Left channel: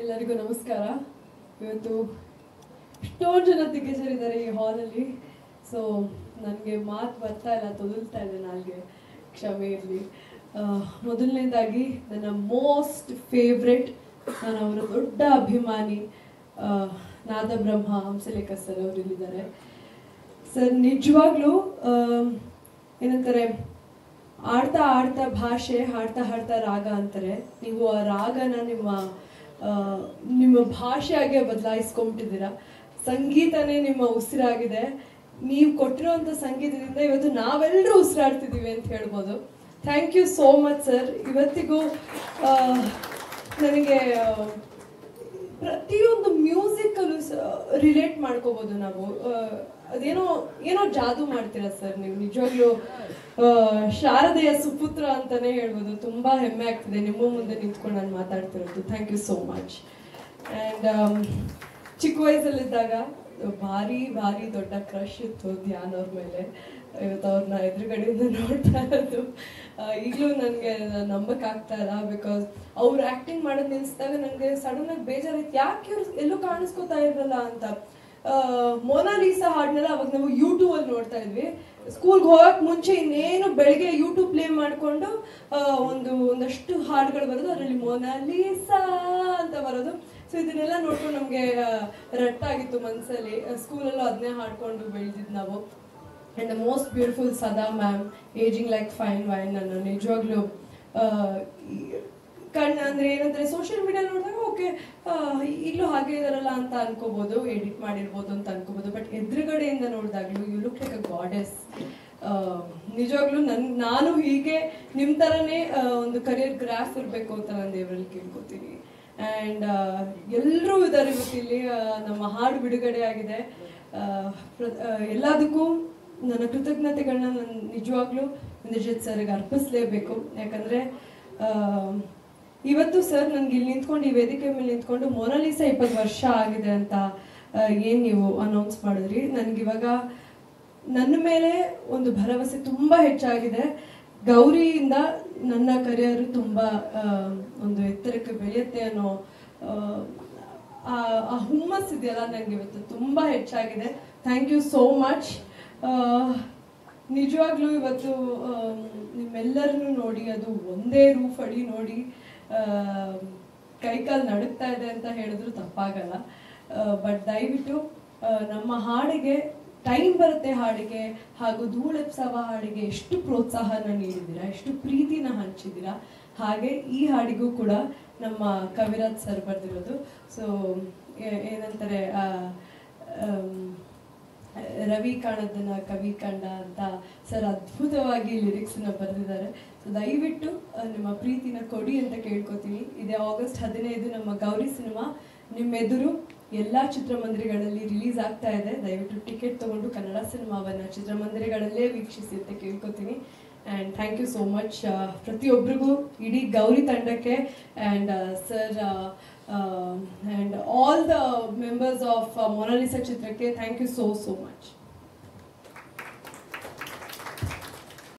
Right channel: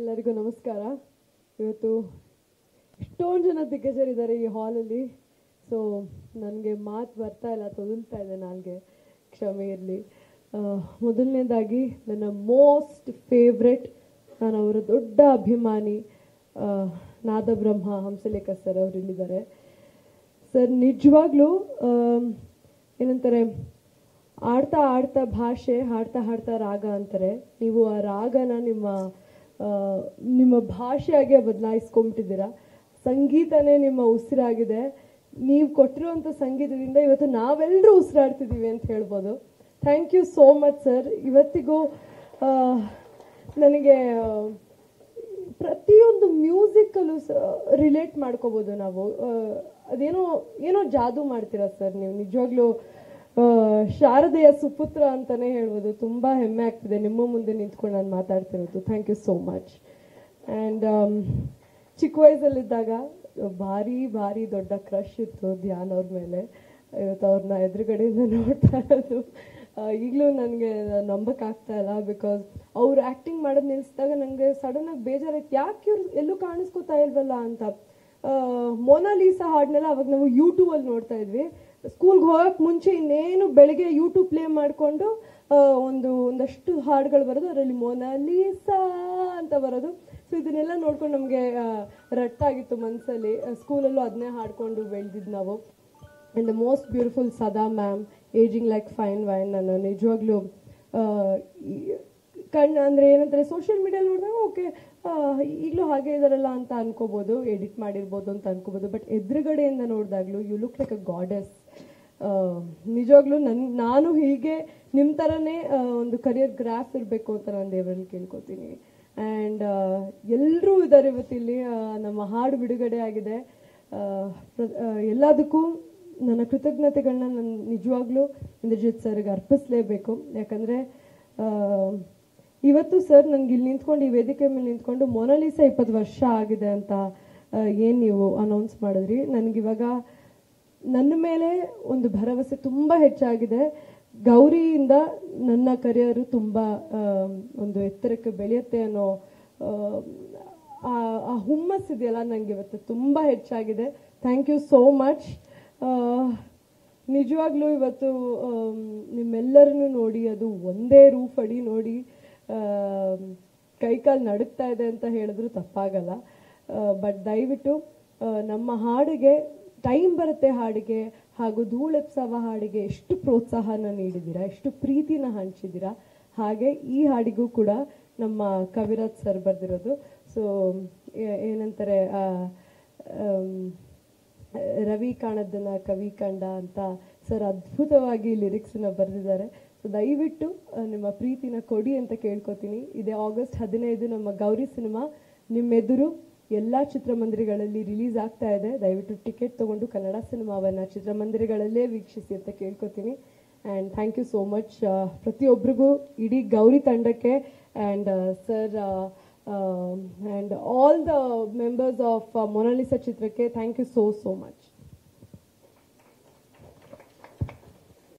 ಎಲ್ಲರಿಗೂ ನಮಸ್ಕಾರ. ಇವತ್ತು ಎಷ್ಟೊಂದು ಜನ ದಿಗ್ಗಜರಿದ್ದಾರೆ ಈ ಹಾಲಲ್ಲಿ. ಸೊ ನನಗೆ ಮಾತು ಬರ್ತಾ ಇಲ್ಲ, ತೊದಲ್ತಾ ಇದೆ ನಾಲ್ಗೆ, ಕ್ಷಮೆ ಇರಲಿ. ಮೊದಲನೇದಾಗಿ ನನ್ನ ಮೋಸ್ಟ್ ಫೇವ್ರೆಟ್, ನಾನು ಅವರ ದೊಡ್ಡ ಅಭಿಮಾನಿ ನಾದಬ್ರಹ್ಮ ಹಂಸಲೇಖ ಸರ್ ಅವರು ಇಲ್ಲಿದ್ದಾರೆ. ಸರ್ ನಿಜವಾಗ್ಲೂ ಏನಂತಾರೆ, ಆಡ್ತಾ ಆಡ್ತಾ ಭಾಷೆ, ಹಾಡ್ತಾ ಹಾಡ್ತಾ ರಾಗ ಅಂತಾರೆ. ನೀವು ಆ ರಾಗನ ನಿಮ್ಮ ಭಾಷೆಯಾಗೆ ಬದಲಾಯಿಸ್ಕೊಂಡ್ಬಿಟ್ಟಿದ್ದೀರಾ. ಸಂಗೀತನೇ ನಿಮ್ಮ ಉಸಿರಾಗಿದೆ. ನೀವು ಕೊಟ್ಟಿರುವಂಥ ಸಂಗೀತದಿಂದ ಇವತ್ತು ನಾವೆಲ್ಲರೂ ಉಸಿರಾಡ್ತಿದ್ದೀವಿ ಅಂತ ಹೇಳ್ಬೋದು. Thank you so much sir. ಇವತ್ತಿಗೂ ನನಗೆ ಪ್ರತಿಯೊಂದು ಮ್ಯೂಸಿಕಲ್ಲೂ ರಿಲೇಟ್ ಮಾಡ್ಕೋಬೋದು ನಾವು. ಏನೋ ಜಾದೂ ಮಾಡ್ತೀರಾ ಸರ್ ನೀವು. ನಿಜವಾಗ್ಲೂ ಶಾರದೆಯ ಸುಪುತ್ರ ಅಂತಾನೆ ಹೇಳ್ಬೋದು. ತುಂಬಾ ಹೆಮ್ಮೆ ಆಗ್ತಿದೆ ನಿಮ್ಮ ಮುಂದೆ ನಿಂತ್ಕೊಂಡು ನಾನು ಮಾತಾಡ್ತಿರೋದು. Thank you so much. And ಚಿಕ್ಕ ವಯಸ್ಸಲ್ಲಿದ್ದಾಗ ಭಾರಿ ಭಾರಿ ದೊಡ್ಡ ಕ್ರಶ್ ಇತ್ತು ಧ್ಯಾನ್ ಅವ್ರ ಮೇಲೆ. ಇವತ್ತು ಅವ್ರನ್ನ ಎದುರುಗಡೆಯಿಂದ ನೋಡ್ತಾ ಇರೋದು ಈಗಲೂ ನನಗೆ ನಂಬಕ್ಕಾಗ್ತಾ ಇಲ್ಲ. ಬಿಕಾಸ್ ಅವ್ರು ಆ್ಯಕ್ಟಿಂಗ್ ಮಾಡೋದು ನಿಲ್ಲಿಸಿದಾಗ ನನಗೆ ಸಡನ್ನಾಗಿ ಬೇಜಾರಾಯ್ತು, ಯಾಕೆ ಇವ್ರು ಎಲ್ಲೂ ಕಾಣಿಸ್ಕೋತಾ ಇರಲ್ಲ ಅಂತ. ಮೊನಾಲಿಸಾ ಹಾಡನ್ನೆಲ್ಲ ಅವಾಗ ನಾವು ಯೂಟ್ಯೂಬಲ್ಲಿ ನೋಡ್ತಾ ಇದ್ವಿ. ಸ್ಕೂಲ್ಗೆ ಹೋಗಕ್ಕೆ ಮುಂಚೆ ಇನ್ನೇನು ಬೆಳಗ್ಗೆ ಯೂಟ್ಯೂಬ್ ಪ್ಲೇ ಮಾಡಿಕೊಂಡು ಒಂದಷ್ಟು ಹಾಡುಗಳು ಬರೋದು, ಅದರಲ್ಲಿ ಮೊನಾಲಿಸಾ ಅಂತ ಬರೋದು. ಸೊ ಇದನ್ನೆಲ್ಲ ನೋಡ್ಕೊಂಡು ನಮಗೆ ರಟ್ಟಾಗಿತ್ತು ಮನಸ್ಸಲ್ಲಿ. ಸ್ಕೂಲಲ್ಲೂ ಅದನ್ನೇ ಹಾಡ್ಕೊಂಡು ಬೆಳೆದಿದ್ದು ನಾವು. And the most beautiful Sadha ma'am, ageing like fine wine. ನಾನು ನಿಜವಾಗ್ಲೂ ಅಂದರೆ ಏನಂದರೆ ಸೋಷಿಯಲ್ ಮೀಡಿಯಾ ನೋಡಿದಾಗ ಓಕೆ ಈಗಲೂ ಹಾಗೆ ಇದಾರಲ್ಲ ಅಂತ ಅನ್ಕೋಬೋದು, ಎಡಿಟ್ ಮಾಡಿರ್ಬೋದು ಅಂತ ಅನ್ಕೋಬೋದು. ಬಟ್ ಎದುರುಗಡೆಯಿಂದ ನೋಡಿದಾಗಲೂ you look like a goddess. ನಿಜವಾಗ್ಲೂ ನಾನು ಹೀಗೆ ನಿಮ್ಮ ಥರನೇ ಒಂದು ಕರಿಯರ್ ಗ್ರಾಫ್ ಇರಬೇಕು ಅಂತ ನಾನು ದೇವರಲ್ಲಿ ಕೇಳ್ಕೊತೀನಿ. ಆ್ಯಂಡ್ ಎಲ್ಲರೂ ಇದ್ದಾರೆ ಇವತ್ತಿಲ್ಲಿ. ನಮ್ಮ ಹಾಡು ಬಿಡುಗಡೆ ಆಗಿದೆ. ಎಲ್ಲದಕ್ಕೂ ನನ್ನ ಕೃತಜ್ಞತೆಗಳನ್ನ ನಾನು ನಿಜವಾಗ್ಲೂ ಇಂದ್ರಜಿತ್ ಸರ್ಗೆ ಅರ್ಪಿಸಲೇಬೇಕು. ಯಾಕಂದರೆ ಇವತ್ತು ಸರ್ ನನಗೆ ಇಲ್ಲಿ ನಿಂತ್ಕೊಂಡು, ಈ ವೇದಿಕೆ ಮೇಲೆ ನಿಂತ್ಕೊಂಡು ಮೊನಾಲಿಸಾ 20 ವರ್ಷ ಆಗಿದೆ ಅಂತ ಏನು ನೀವು ಅನೌನ್ಸ್ ಮಾಡಿದ್ರಿ, ನನಗಿವಾಗ ನನ್ನ ಮೇಲೆ ಒಂದು ಭರವಸೆ ತುಂಬ ಹೆಚ್ಚಾಗಿದೆ. ಗೌರಿಯಿಂದ ನನ್ನ ಕರಿಯರು ತುಂಬ ಒಂದು ಎತ್ತರಕ್ಕೆ ಬೆಳೆಯುತ್ತೆ ಅನ್ನೋ ಆ ಹುಮ್ಮಸ್ಸಿದೆಯಲ್ಲ, ನನಗೆ ಇವತ್ತು ತುಂಬ ಹೆಚ್ಚಾಗಿದೆ. Thank you so much. ನಿಜವಾಗ್ಲೂ ಇವತ್ತು ನಿಮ್ಮೆಲ್ಲರನ್ನೂ ನೋಡಿ, ಅದು ಒಂದೇ ರೂಫ್ ಅಡಿ ನೋಡಿ ಕೈಕಾಲು ನಡುಗ್ತಾ ಇದೆ ಅಂತ ಹೇಳಿದ್ರು ತಪ್ಪಾಗಲ್ಲ. ಬಟ್ ದಯವಿಟ್ಟು ನಮ್ಮ ಹಾಡಿಗೆ ಟೈಮ್ ಬರುತ್ತೆ, ಹಾಡಿಗೆ ಹಾಗೂ ಧೂಳೆಪ್ಸವ ಹಾಡಿಗೆ ಎಷ್ಟು ಪ್ರೋತ್ಸಾಹನ ನೀಡಿದ್ದೀರಾ, ಎಷ್ಟು ಪ್ರೀತಿನ ಹಂಚಿದ್ದೀರಾ. ಹಾಗೆ ಈ ಹಾಡಿಗೂ ಕೂಡ ನಮ್ಮ ಕವಿರಾಜ್ ಸರ್ ಬರೆದಿರೋದು. ಸೊ ಏನಂತಾರೆ, ರವಿ ಕಾಣದನ್ನ ಕವಿ ಕಂಡ ಅಂತ ಸರ್ ಅದ್ಭುತವಾಗಿ ಲಿರಿಕ್ಸ್ನ ಬರೆದಿದ್ದಾರೆ. ಸೊ ದಯವಿಟ್ಟು ನಿಮ್ಮ ಪ್ರೀತಿನ ಕೊಡಿ ಅಂತ ಕೇಳ್ಕೊತೀನಿ. ಇದೇ ಆಗಸ್ಟ್ 15 ನಮ್ಮ ಗೌರಿ ಸಿನಿಮಾ ನಿಮ್ಮೆದುರು ಎಲ್ಲ ಚಿತ್ರಮಂದಿರಗಳಲ್ಲಿ ರಿಲೀಸ್ ಆಗ್ತಾ ಇದೆ. ದಯವಿಟ್ಟು ಟಿಕೆಟ್ ತೊಗೊಂಡು ಕನ್ನಡ ಸಿನಿಮಾವನ್ನು ಚಿತ್ರಮಂದಿರಗಳಲ್ಲೇ ವೀಕ್ಷಿಸಿ ಅಂತ ಕೇಳ್ಕೊತೀನಿ. And thank you so much ಪ್ರತಿಯೊಬ್ಬರಿಗೂ, ಇಡೀ ಗೌರಿ ತಂಡಕ್ಕೆ, and sir and all the members of Monalisa ಚಿತ್ರಕ್ಕೆ ಥ್ಯಾಂಕ್ ಯು ಸೋ ಮಚ್.